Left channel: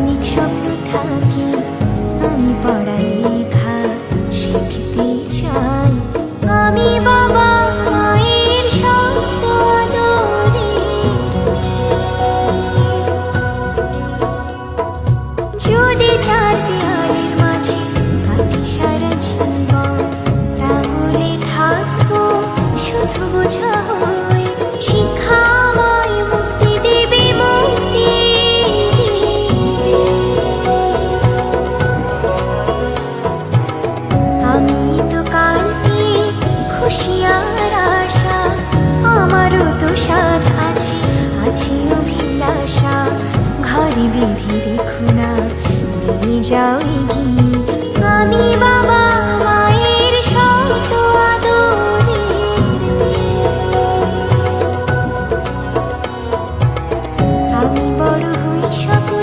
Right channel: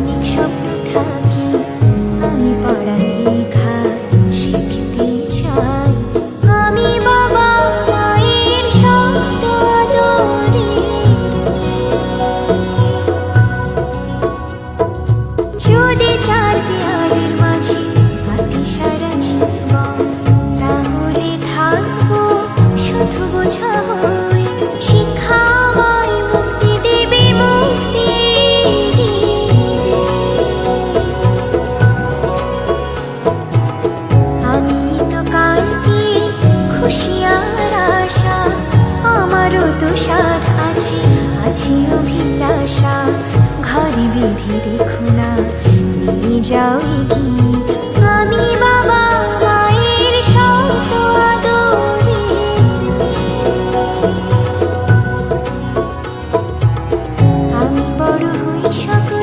অনেক স্বপ্ন থাকি, আমি পড়ালেখা শিখতে চাই। আমি বাবা মায়ের শব্দ আদরের মেয়ে। যদি চার দেয়ালের মাঝে হাঁটি সারা জীবন, তাহলে থাকবো শুধু বোঝা হয়ে। শিক্ষা আমায় মুক্তি দেবে, মুক্তি দেবে। আমি তো কালকে খুশি আর আশা, আমারও তো সাধ আছে, আছে অভিলাষা। ঘরে বেঁধে রেখো না, নিয়ে যাও এগিয়ে। আমি বাবা মায়ের শত আদরের মেয়ে। আমি বড় হই সকল